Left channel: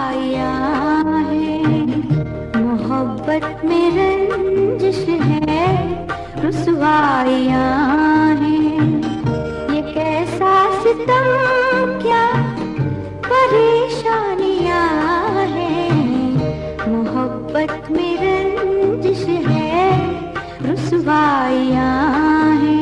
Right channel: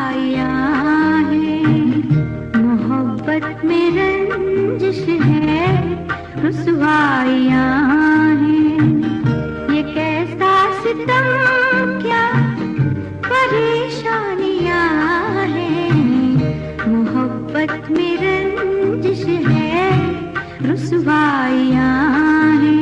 रुसवाइयाँ हैं, मोहब्बत में रंजिश है, रुसवाइयाँ हैं। ये कैसा सितम, क्या परेशानियाँ हैं, मोहब्बत में रंजिश है, रुसवाइयाँ हैं।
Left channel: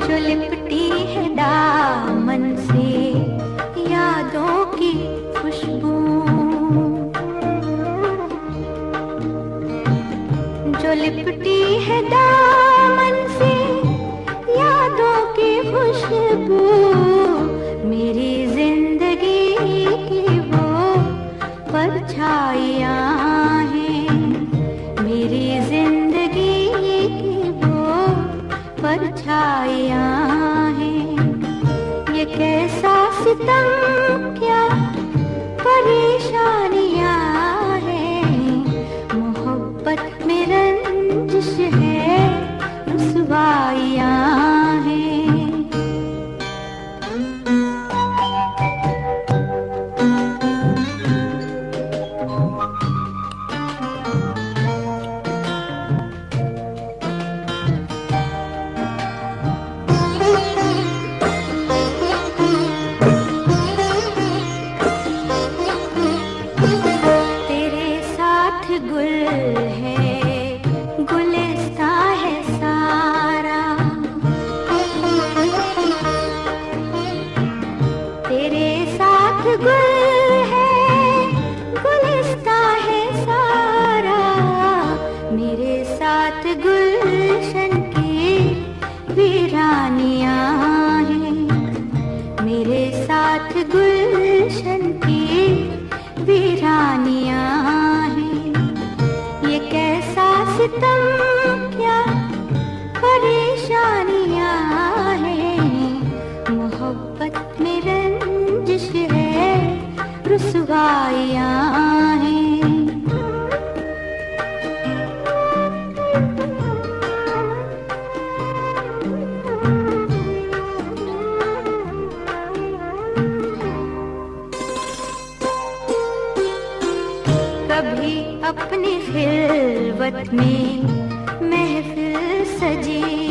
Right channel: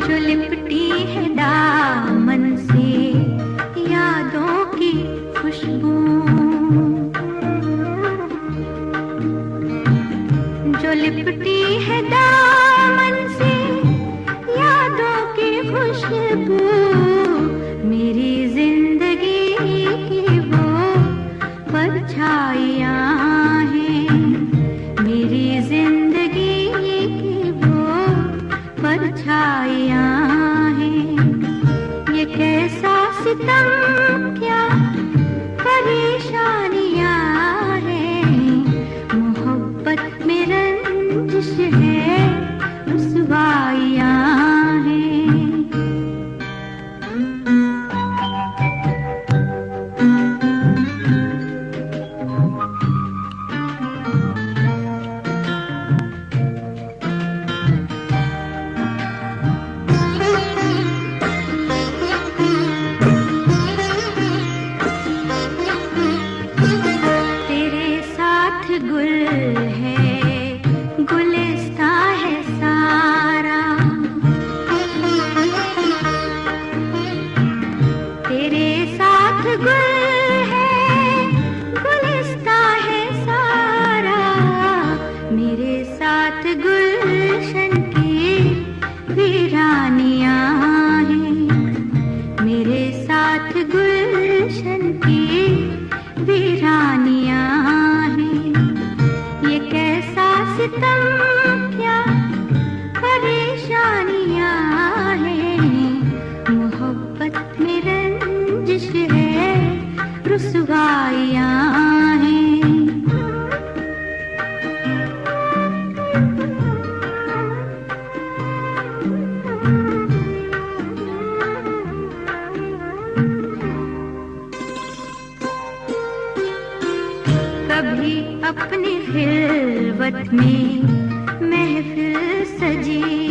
जो लिपटी है दामन से यादों की खुशबू, जो लिपटी है दामन से यादों की खुशबू, मेरी जिंदगी की वो परछाइयाँ हैं, मेरी जिंदगी की वो परछाइयाँ हैं। ये कैसा सितम, क्या परेशानियाँ हैं, मोहब्बत में रंजिश है, रुसवाइयाँ हैं। तेरे साथ गुल है, गुलिस्तां है सारा, तेरे साथ गुल है, गुलिस्तां है सारा, मेरे साथ गुलशन की वीरानियाँ हैं, मेरे साथ गुलशन की वीरानियाँ हैं। ये कैसा सितम, क्या परेशानियाँ हैं, मोहब्बत में रंजिश है, रुसवाइयाँ हैं। कभी अपनी खिलवत में महफिल सजी